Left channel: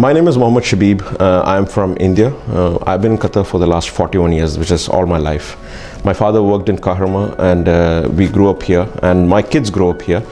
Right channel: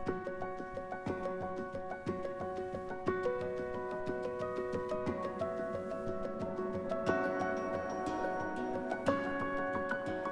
My name is Mohammed Shabib. I'm from India. I've been in Qatar for the last 41 years, which is all my life. My father worked in Kahraman and we grew up here, and my kids grow up here.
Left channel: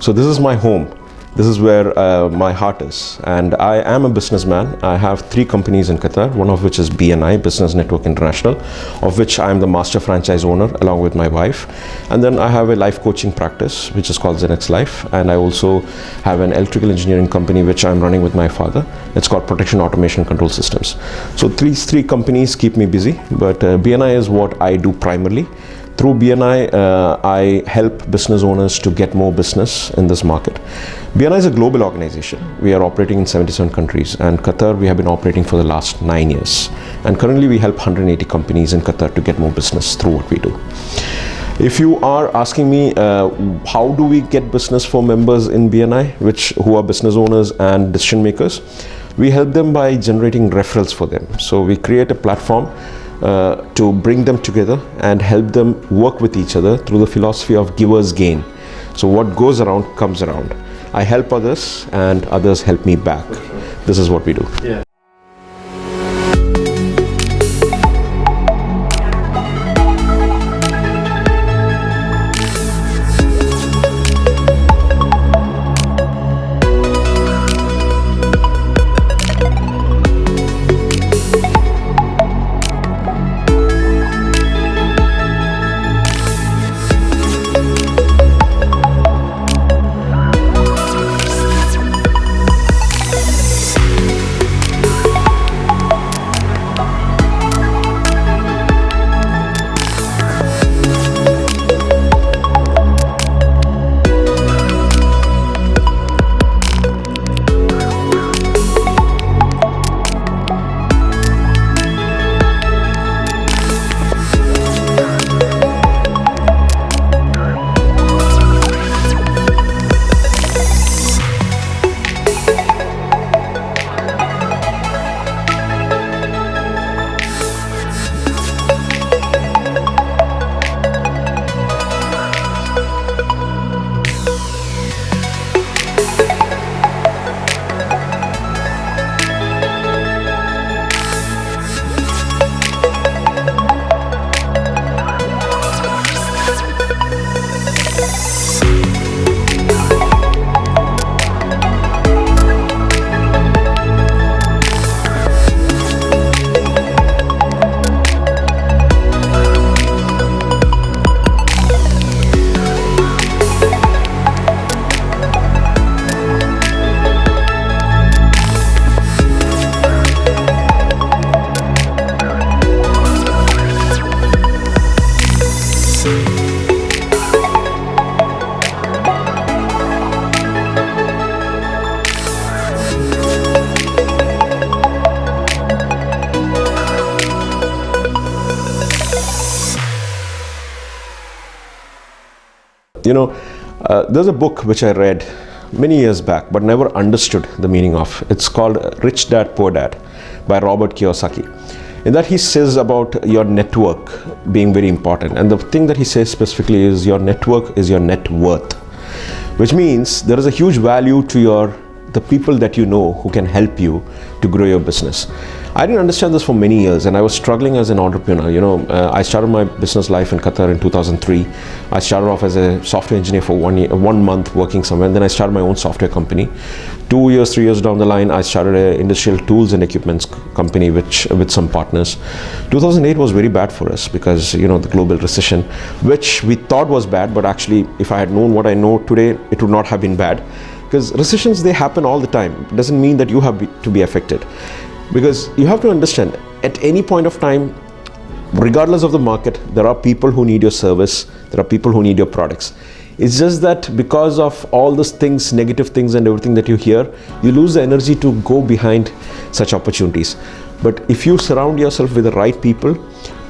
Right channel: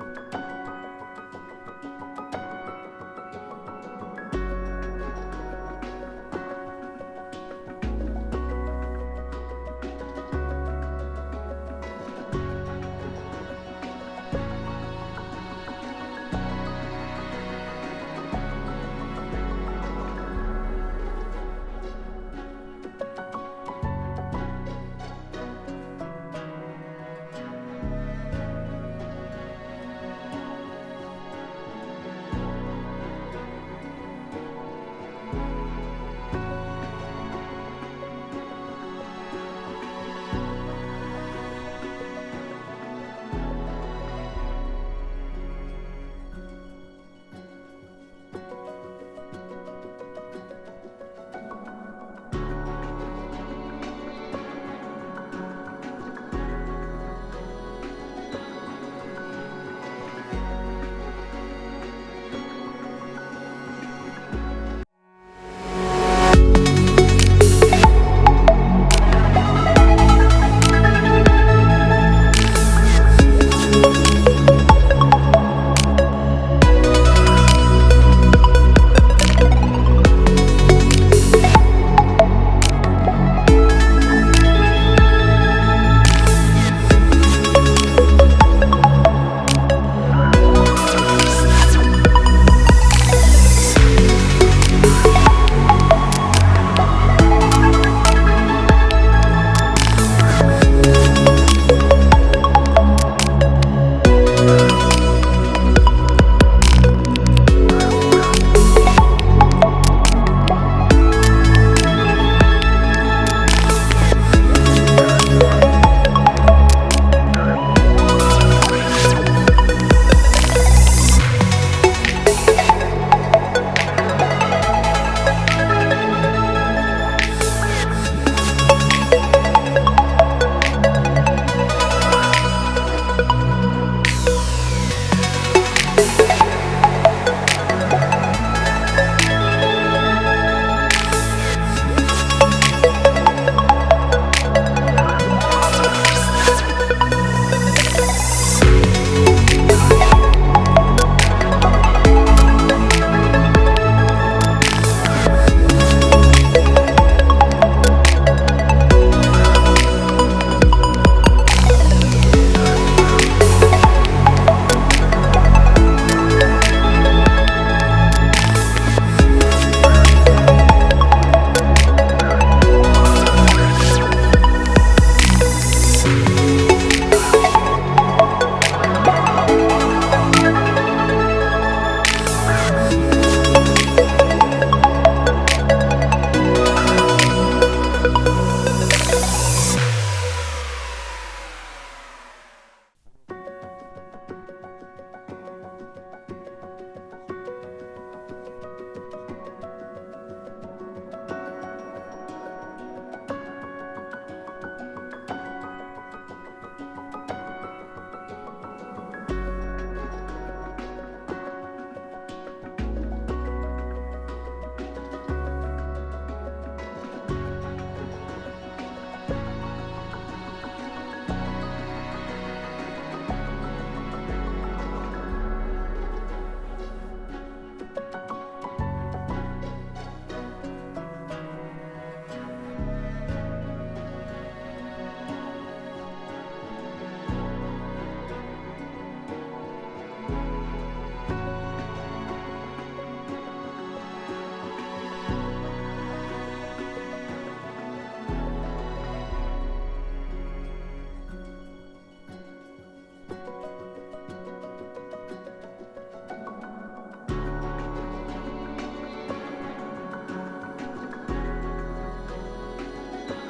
So this is my home. This is where my heart is. And I am a businessman. I have 3 companies in Qatar, one of which is BNI, Business Network International, of which I am the master franchise owner along with my wife. And then I have a life coaching practice, which is called Zenex Life. And I also have an electrical engineering company, which I'm running with my father. It's called Protection Automation Control Systems. So these 3 companies keep me busy, but BNI is what I do primarily. Through BNI, I help business owners to get more business in this market. BNI is a global organization. We are operating in 77 countries, and Qatar we have been operating for the last 9 years. And currently we help 180 companies in Qatar to get more business through what we do. If you are asking me how do we get business for members in BNI, who are business owners and decision makers, we help them by generating referrals for them. So we create a platform to bring them together and help them work with each other through the philosophy of givers gain. So what goes around comes around. I help others and others help me back. This is what we do. Yeah. There's a book which I read many years back but never understood the meaning of. It's called Rich Dad, Poor Dad by Robert Kiyosaki. In that he says about your network being very important. And the thing that he says specifically is your network is your net worth, which means there is a huge value to the people that you know who can help you to grow your business. I didn't understand this for many years, and I was struggling as an entrepreneur. I started my business life in Qatar in 2003. I started off as a software engineer for 1 month working somewhere, and then I started my own software company. 2 years, 3 years down the line, I started an industrial tools and equipments company with some partners. 2008 was very bad for us because, the global recession, which we thought was bad, but actually, if I had known what I know today, it would not have been bad. Because recessions, they happen all the time. It doesn't mean that you have to be affected. Because you have to understand, at any point of time, regardless of the market, there are people who need your service, there are people who need your products. It's just that because of all those things, negative things and everything that you hear, you lose the energy to go behind such opportunities. But if you surround yourself with the right people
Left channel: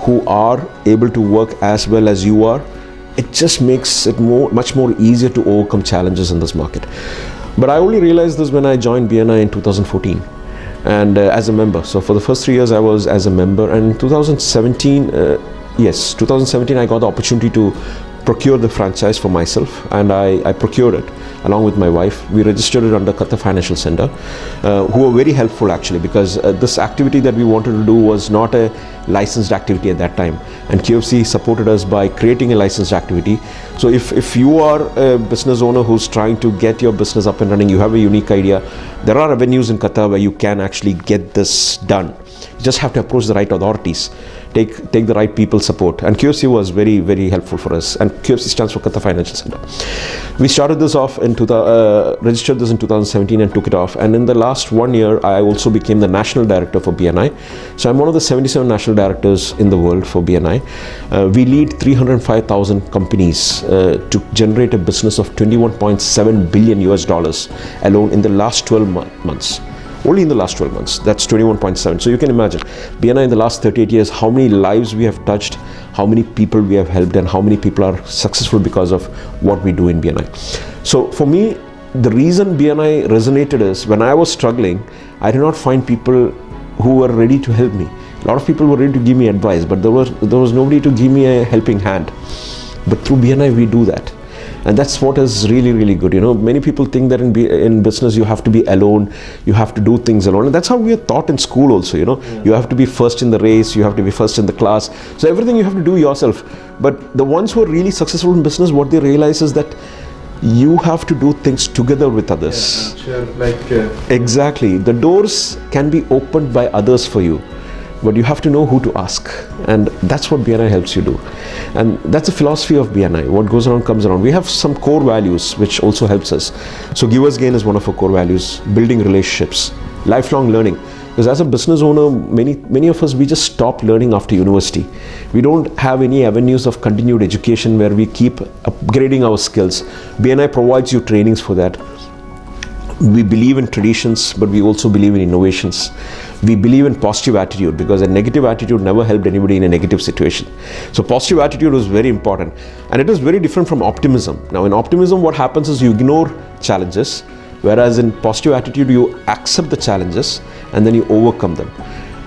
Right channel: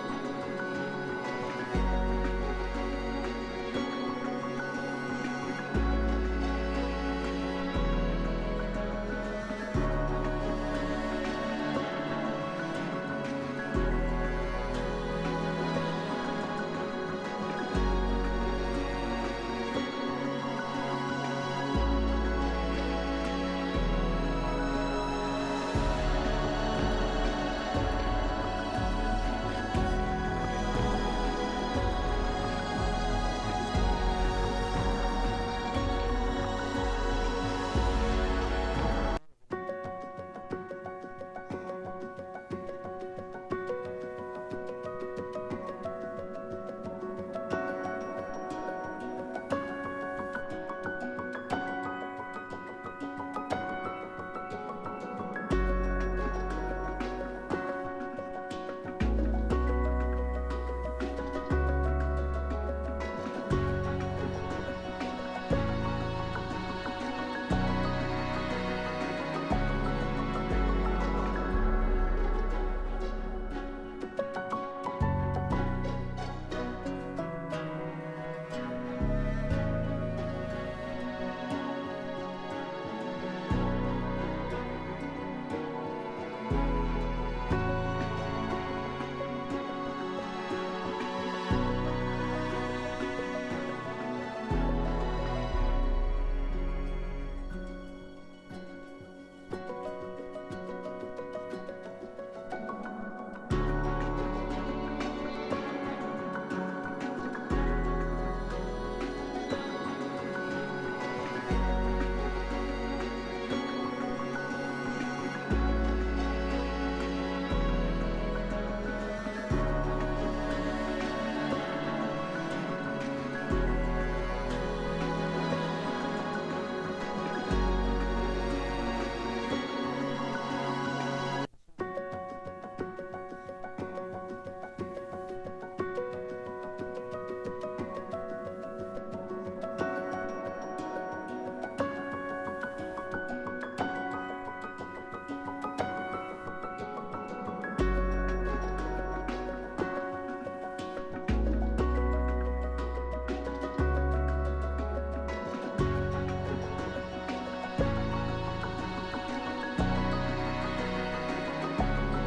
who are able to work as well as you are, it just makes it much more easier to overcome challenges in this market. But I only realized this when I joined BNI in 2014. And as a member. So for the first 3 years I was as a member, and in 2017 I got the opportunity to procure the franchise for myself, and I procured it. along with my wife. We registered it under Qatar Financial Center, who were very helpful actually, because this activity that we wanted to do was not a licensed activity at that time, and QFC supported us by creating a licensed activity. So if you are a business owner who's trying to get your business up and running, you have a unique idea, there are avenues in Qatar where you can actually get this done. You just have to approach the right authorities, take the right people's support, and QFC was very, very helpful for us. And QFC stands for Qatar Financial Center. We started this off registered this in 2017 and took it off. And in the last 1 year, I also became the national director for BNI. So I'm one of the 77 national directors in the world for BNI. We lead 305,000 companies to generate a business of $21.7 billion US alone in the last 12 months. Only in the last 12 months, that's 21.7. So you can imagine, BNI in the last 38 years, how many lives we have touched, how many people we have helped, and how many people are successful because of what we do in BNI. So for me, the reason BNI resonated is, when I was struggling, I did not find people who were ready to help me. A lot of people were ready to give me advice, but there was nobody to give me a helping hand. But through BNI, we do that. And that's what is really, really good. Many people think that in business you have to be alone, you have to do things alone. And that's how we are taught in school also, You have to be first in the race, you have to be first in the class. So everything you have to do yourself. But the ones who are really successful in business, what they realize is that you have to do things together with others. Exactly. The doors can be opened by others for you, but you have to know who to ask. And that's what BNI helps you do. And that's the philosophy of BNI. What goes around comes around. We have some core values which also helps us. So Giver's Gain is one of our core values. Building relationships, lifelong learning. Because as a business owner, many of us, we just stop learning after university. We don't have any avenues of continued education where we keep upgrading our skills. BNI provides you trainings for that. We believe in traditions, but we also believe in innovations. We believe in positive attitude, because a negative attitude never helped anybody in a negative situation. So positive attitude was very important, and it is very different from optimism. Now in optimism, what happens is you ignore challenges, whereas in positive attitude, you accept the challenges and then you overcome them.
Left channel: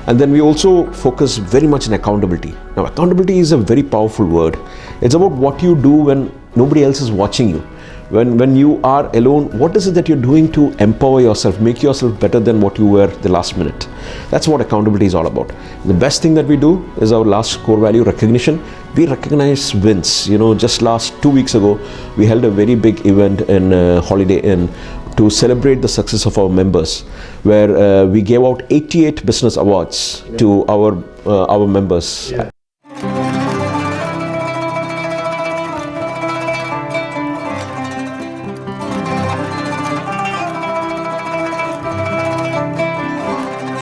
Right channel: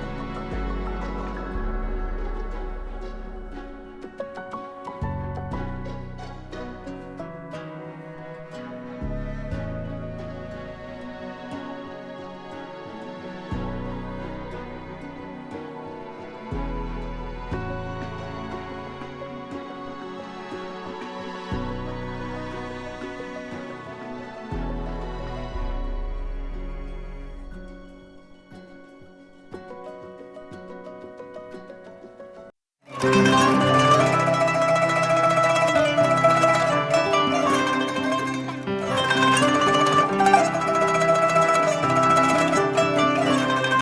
And then we also focus very much on accountability. Now accountability is a very powerful word. It's about what you do when nobody else is watching you. When you are alone, what is it that you're doing to empower yourself, make yourself better than what you were the last minute? That's what accountability is all about. The best thing that we do is our last core value, recognition. We recognize wins. Just last 2 weeks ago, we held a very big event in Holiday Inn to celebrate the success of our members, where we gave out 88 business awards to our members. Yeah.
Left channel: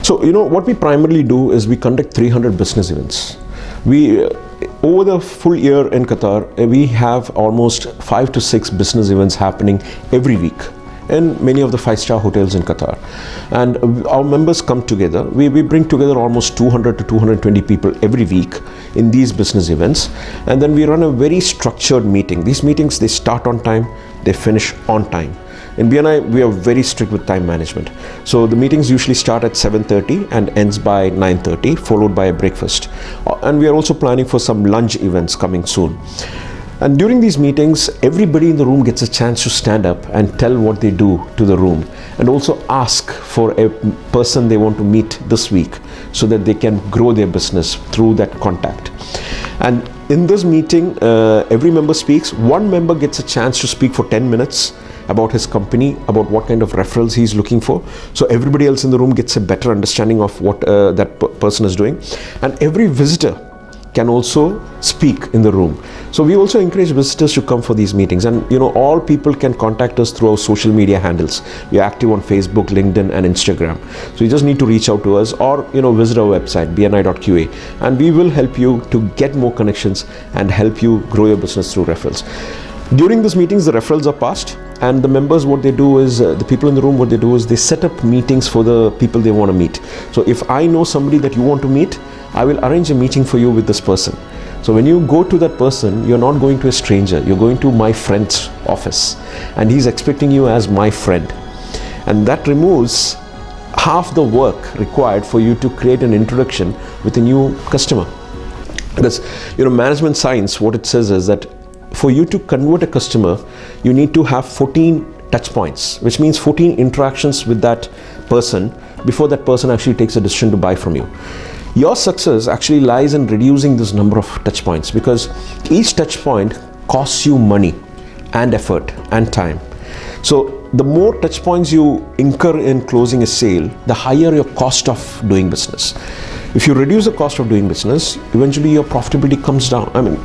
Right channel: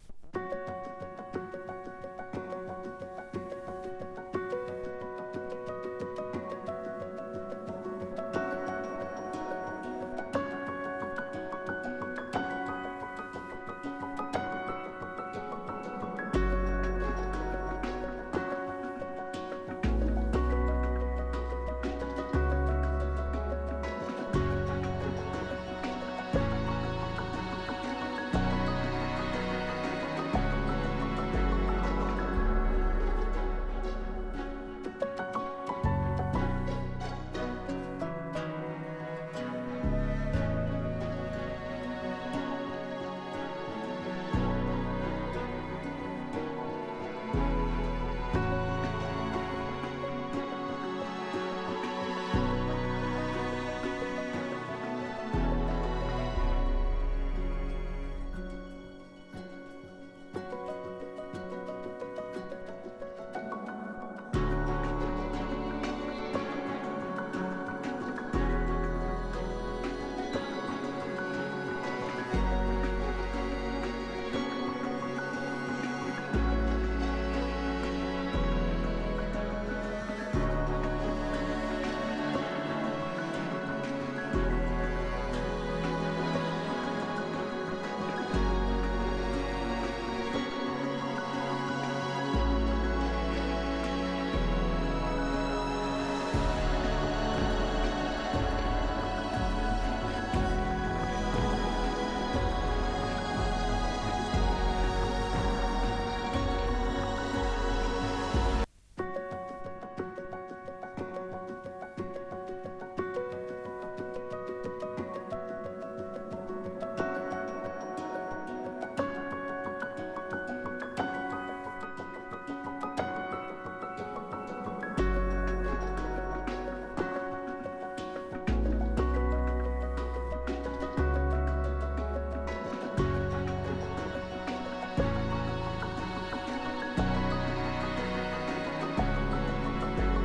So, what we primarily do is we conduct 300 business events. We, over the full year in Qatar, we have almost 5 to 6 business events happening every week in many of the 5-star hotels in Qatar. And our members come together. We bring together almost 200 to 220 people every week in these business events. And then we run a very structured meeting. These meetings, they start on time, they finish on time. In BNI, we are very strict with time management. So the meetings usually start at 7:30 and ends by 9:30, followed by a breakfast. And we are also planning for some lunch events coming soon. And during these meetings, everybody in the room gets a chance to stand up and tell what they do to the room, and also ask for a person they want to meet this week so that they can grow their business through that contact. And in this meeting, every member speaks. One member gets a chance to speak for 10 minutes about his company, about what kind of referrals he's looking for. So everybody else in the room gets a better understanding of what that person is doing. And every visitor can also speak in the room. So we also encourage visitors to come for these meetings. And all people can contact us through our social media handles. We are active on Facebook, LinkedIn, and Instagram. So you just need to reach out to us, or visit our website, bni.qa, and we will help you to get more connections and help you grow your business through referrals. During these meetings, the referrals are passed, and the members, what they do is, the people in the room, what they do is they set up meetings for the people they want to meet. So if I know somebody that you want to meet, I will arrange a meeting for you with this person. So when you go to that person, you're not going to a stranger, you're going to my friend's office, and he's expecting you as my friend. And that removes half the work required for you to create an introduction with a new customer. Because, management science, what it says is that for you to convert a customer, you need to have 14 touch points, which means 14 interactions with that person before that person actually takes a decision to buy from you. Your success actually lies in reducing this number of touch points, because each touch point costs you money and effort and time. So the more touch points you incur in closing a sale, the higher your cost of doing business. If you reduce the cost of doing business, eventually your profitability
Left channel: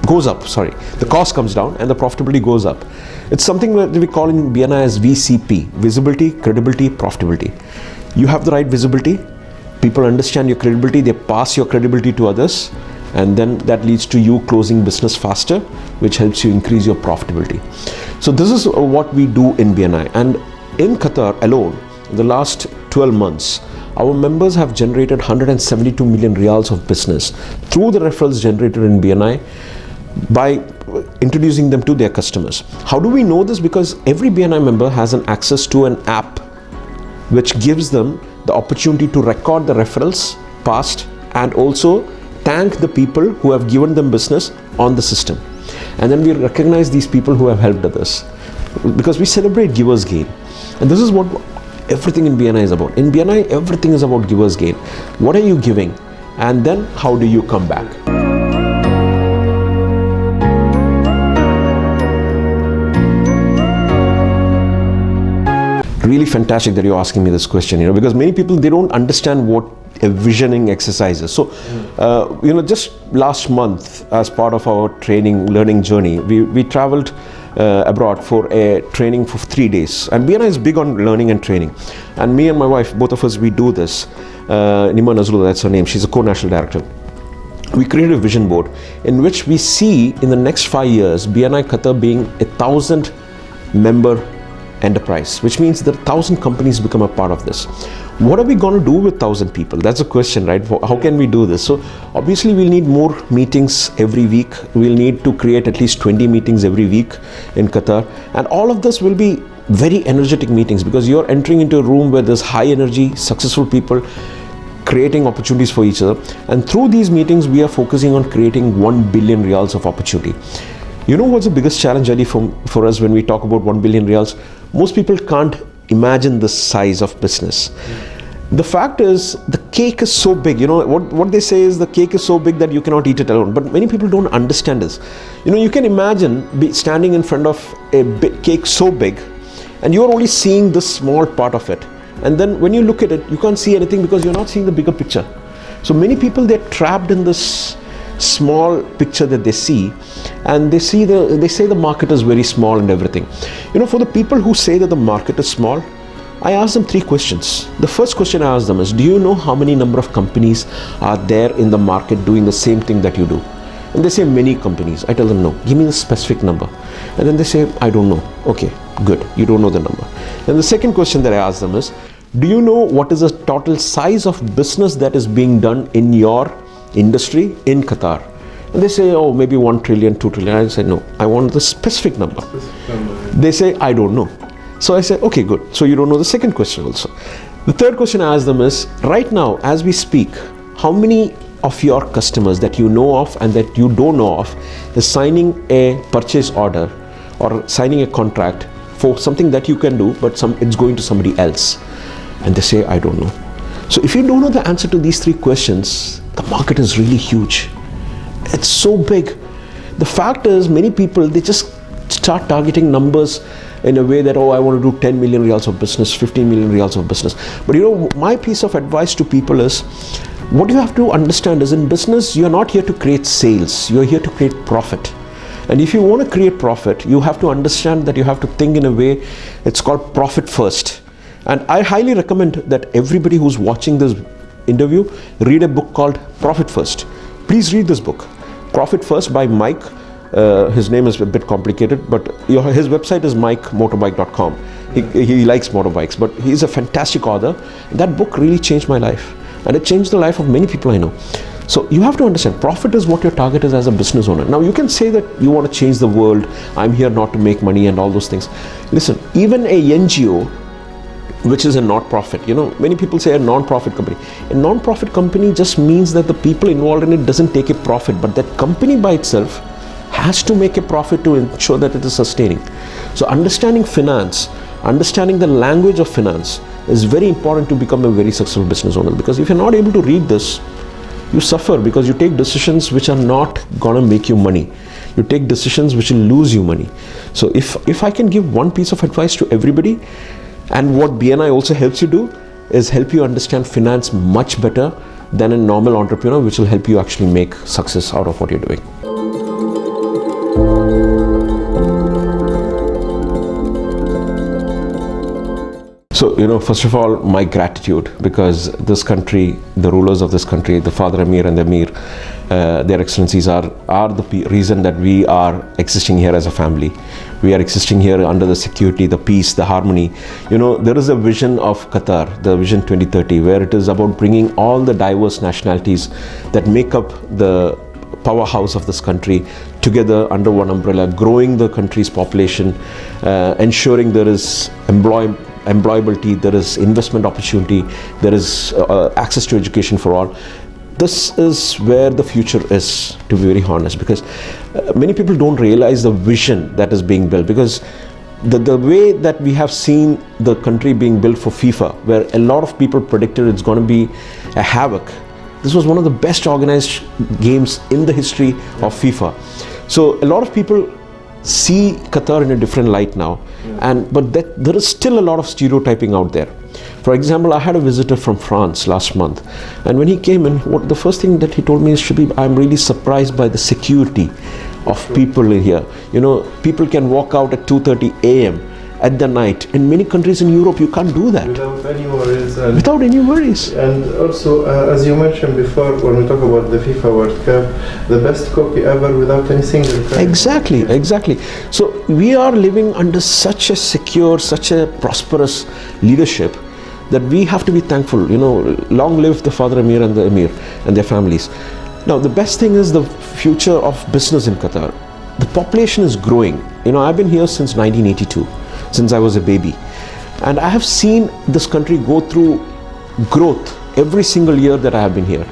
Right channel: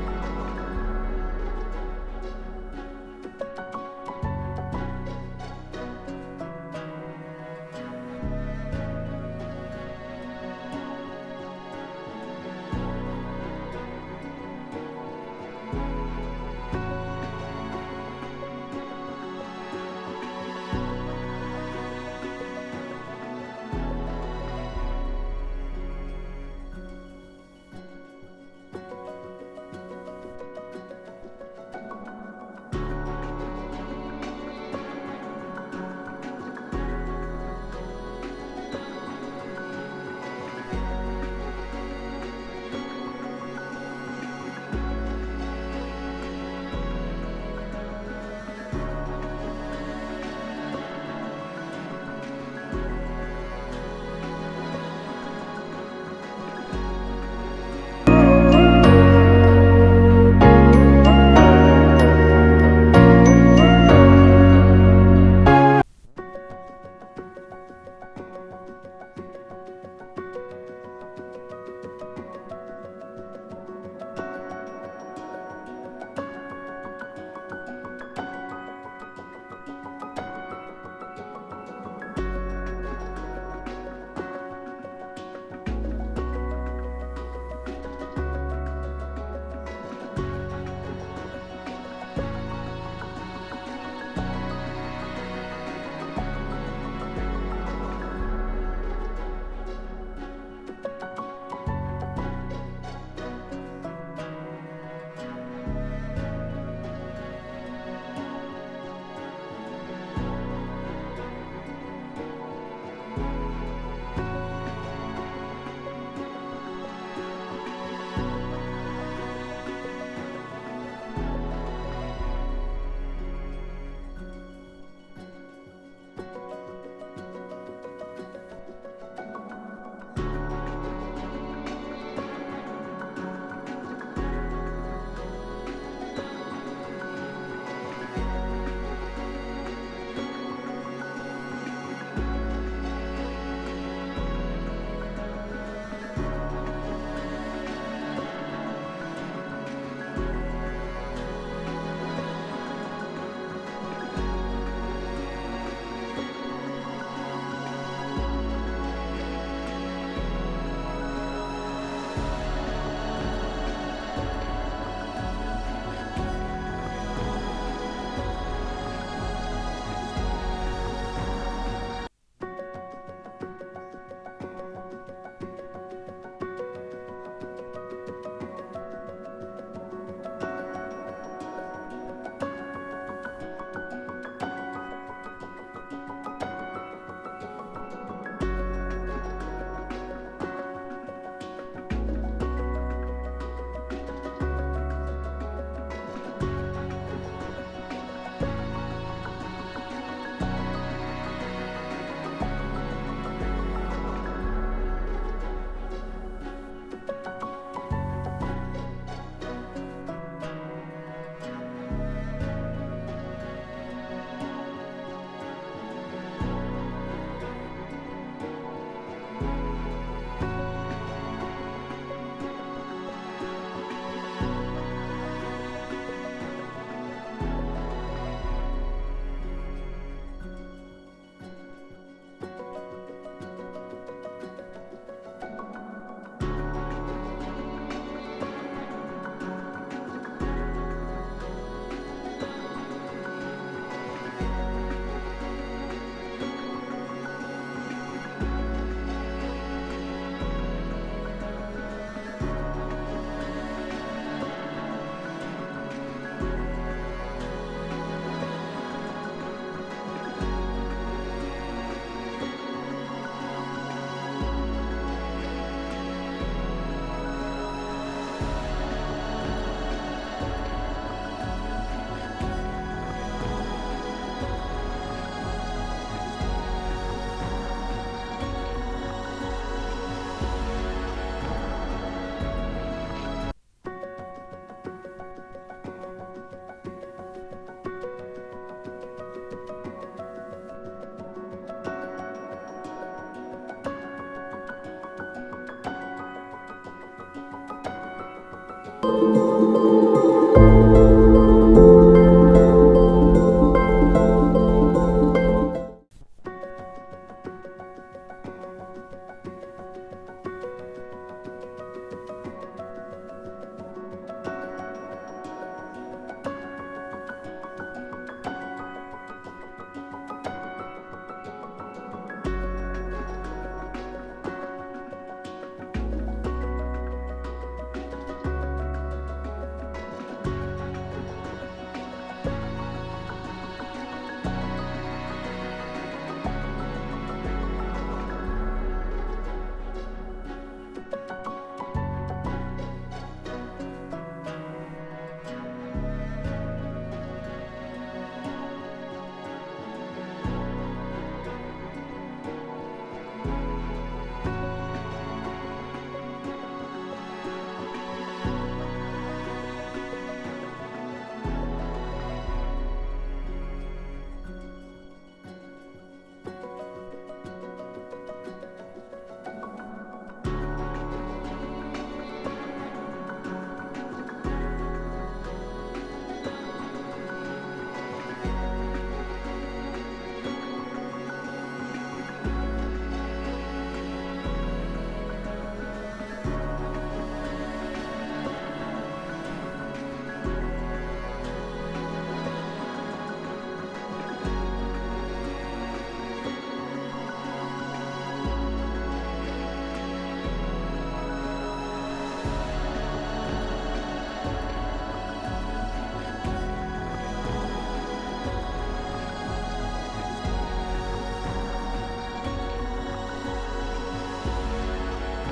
goes up. The cost comes down and the profitability goes up. It's something that we call in BNI as VCP, visibility, credibility, profitability. You have the right visibility, people understand your credibility, they pass your credibility to others, and then that leads to you closing business faster, which helps you increase your profitability. So this is what we do in BNI. And in Qatar alone, in the last 12 months, our members have generated 172 million riyals of business through the referrals generated in BNI by introducing them to their customers. How do we know this? Because every BNI member has an access to an app which gives them the opportunity to record the referrals passed and also thank the people who have given them business on the system. And then we recognize these people who have helped others, because we celebrate givers gain. And this is what everything in BNI is about. In BNI, everything is about givers gain. What are you giving? And then how do you come back? Really fantastic that you're asking me this question, because many people, they don't understand what a visioning exercise is. So, just last month, as part of our learning journey, we traveled abroad for a training for 3 days. And BNI is big on learning and training. And me and my wife, both of us, we do this. Nima Nazrullah, that's her name. She's a co-national director. We created a vision board in which we see in the next 5 years, BNI Qatar being 1,000 member enterprise, which means that 1,000 companies become a part of this. What are we going to do with 1,000 people? That's a question, right? How can we do this? So obviously we'll need more meetings every week. We'll need to create at least 20 meetings every week in Qatar. And all of this will be very energetic meetings, because you're entering into a room where there's high energy, successful people, creating opportunities for each other. And through these meetings, we are focusing on creating 1 billion riyals of opportunity. You know what's the biggest challenge, Ali, for us when we talk about 1 billion riyals? Most people can't imagine the size of business. The fact is, the cake is so big. What they say is the cake is so big that you cannot eat it alone. But many people don't understand this. You can imagine standing in front of a big cake so big, and you're only seeing this small part of it. And then when you look at it, you can't see anything because you're not seeing the bigger picture. So many people, they're trapped in this small picture that they see, and they say the market is very small and everything. For the people who say that the market is small, I ask them 3 questions. The first question I ask them is, do you know how many number of companies are there in the market doing the same thing that you do? And they say many companies. I tell them, no, give me the specific number. And then they say, I don't know. Okay, good, you don't know the number. Then the second question that I ask them is, do you know what is the total size of business that is being done in your industry in Qatar? And they say, oh, maybe 1 trillion, 2 trillion. I say, no, I want the specific number. They say, I don't know. So I say, okay, good. So you don't know the second question also. The third question I ask them is, right now, as we speak, how many of your customers that you know of and that you don't know of is signing a purchase order or signing a contract for something that you can do, but it's going to somebody else? And they say, I don't know. So if you don't know the answer to these 3 questions, the market is really huge. It's so big. The fact is, many people, they just start targeting numbers in a way that, oh, I want to do 10 million riyals of business, 15 million riyals of business. But my piece of advice to people is, what you have to understand is, in business, you're not here to create sales, you're here to create profit. And if you want to create profit, you have to understand that you have to think in a way, it's called profit first. And I highly recommend that everybody who's watching this interview read a book called Profit First. Please read this book, Profit First by Mike. His name is a bit complicated, but his website is mikemotorbike.com. He likes motorbikes, but he's a fantastic author. That book really changed my life, and it changed the life of many people I know. So you have to understand, profit is what your target is as a business owner. Now you can say that you want to change the world, I'm here not to make money and all those things. Listen, even a NGO, which is a not-profit, many people say a non-profit company. A non-profit company just means that the people involved in it doesn't take a profit, but that company by itself has to make a profit to ensure that it is sustaining. So understanding finance, understanding the language of finance is very important to become a very successful business owner, because if you're not able to read this, you suffer, because you take decisions which are not gonna make you money. You take decisions which will lose you money. So if I can give one piece of advice to everybody, and what BNI also helps you do, is help you understand finance much better than a normal entrepreneur, which will help you actually make success out of what you're doing. So, first of all, my gratitude, because this country, the rulers of this country, the Father Emir and the Emir, their excellencies are the reason that we are existing here as a family. We are existing here under the security, the peace, the harmony. There is a vision of Qatar, the Vision 2030, where it is about bringing all the diverse nationalities that make up the powerhouse of this country together under one umbrella, growing the country's population, ensuring there is employability, there is investment opportunity, there is access to education for all. This is where the future is, to be very honest, because many people don't realize the vision that is being built, because the way that we have seen the country being built for FIFA, where a lot of people predicted it's going to be a havoc. This was one of the best organized games in the history of FIFA. So a lot of people see Qatar in a different light now, but there is still a lot of stereotyping out there. For example, I had a visitor from France last month, and when he came in, the first thing that he told me is, Shabib, I'm really surprised by the security of people in here. People can walk out at 2:30 a.m. at the night. In many countries in Europe, you can't do that. Without any worries. And also, as you mentioned before, when we talk about the FIFA World Cup, the best copy ever without any single crash. Exactly. So we are living under such a secure, such a prosperous leadership that we have to be thankful. Long live the Father Emir and the Emir and their families. Now, the best thing is the future of business in Qatar. The population is growing. I've been here since 1982. Since I was a baby, and I have seen this country go through growth every single year that I have been here.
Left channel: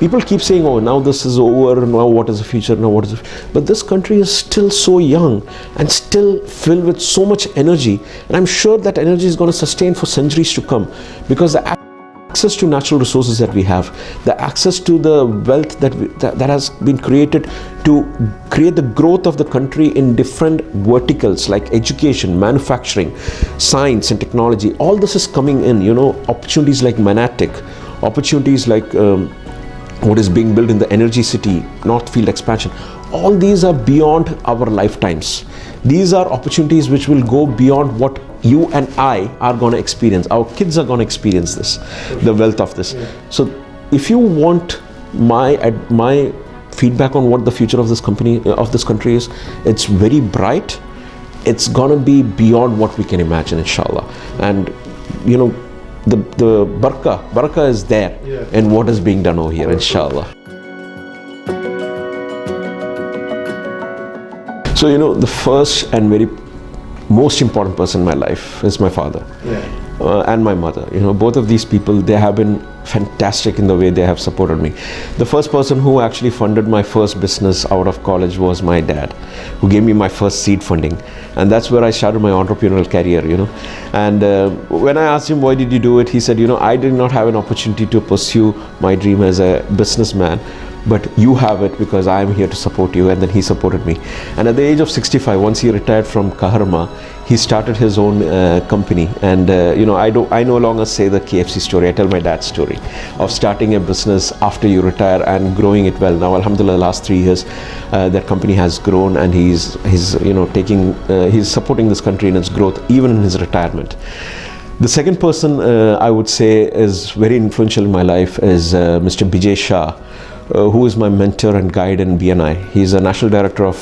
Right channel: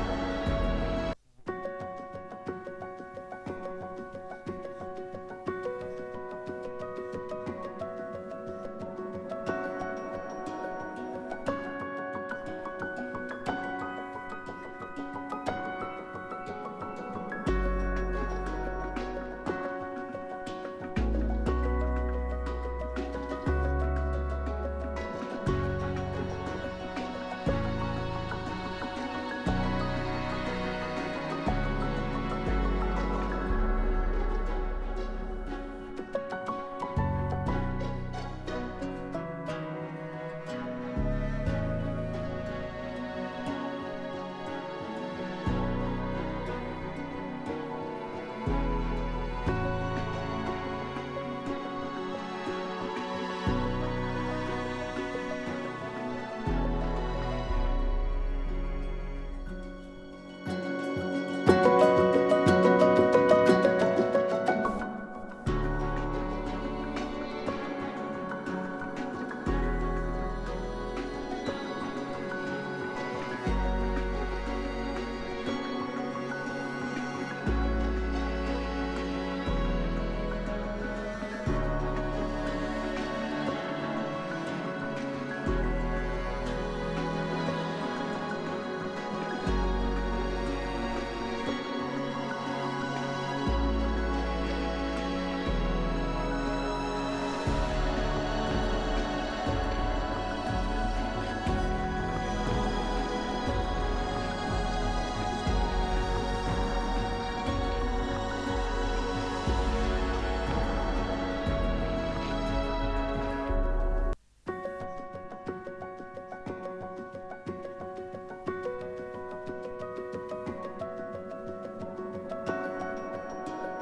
People keep saying, oh, now this is over, now what is the future, but this country is still so young and still filled with so much energy, and I'm sure that energy is going to sustain for centuries to come, because the access to natural resources that we have, the access to the wealth that has been created to create the growth of the country in different verticals like education, manufacturing, science and technology, all this is coming in. Opportunities like Manatic, opportunities like what is being built in the energy city, Northfield expansion, all these are beyond our lifetimes. These are opportunities which will go beyond what you and I are going to experience. Our kids are going to experience this, the wealth of this. So if you want my feedback on what the future of this country is, it's very bright. It's going to be beyond what we can imagine, inshallah. And the barakah is there in what is being done over here, inshallah. So, the first and very most important person in my life is my father and my mother. Both of these people, they have been fantastic in the way they have supported me. The first person who actually funded my first business out of college was my dad, who gave me my first seed funding. And that's where I started my entrepreneurial career, And when I asked him, why did you do it? He said, I did not have an opportunity to pursue my dream as a businessman, but you have it because I am here to support you. And then he supported me. And at the age of 65, once he retired from Kaharma, he started his own company. And I no longer say the KFC story. I tell my dad's story of starting a business after you retire and growing it well. Now, alhamdulillah, the last 3 years, that company has grown, and he's supporting this country in its growth, even in his retirement. The second person I would say is very influential in my life is Mr. Bijay Shah, who is my mentor and guide in BNI. He's a national director of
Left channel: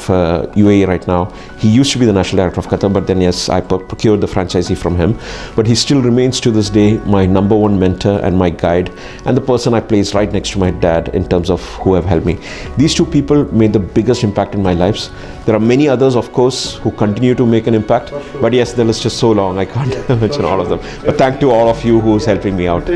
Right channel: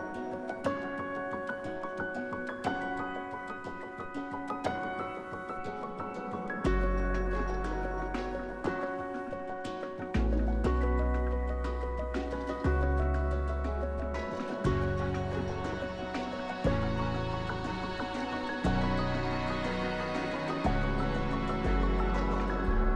UAE right now. He used to be the national director of Qatar, but then yes, I procured the franchisee from him. But he still remains to this day my number one mentor and my guide, and the person I place right next to my dad in terms of who have helped me. These two people made the biggest impact in my lives. There are many others, of course, who continue to make an impact. But yes, the list is so long, I can't mention all of them. But thank to all of you who's helping me out.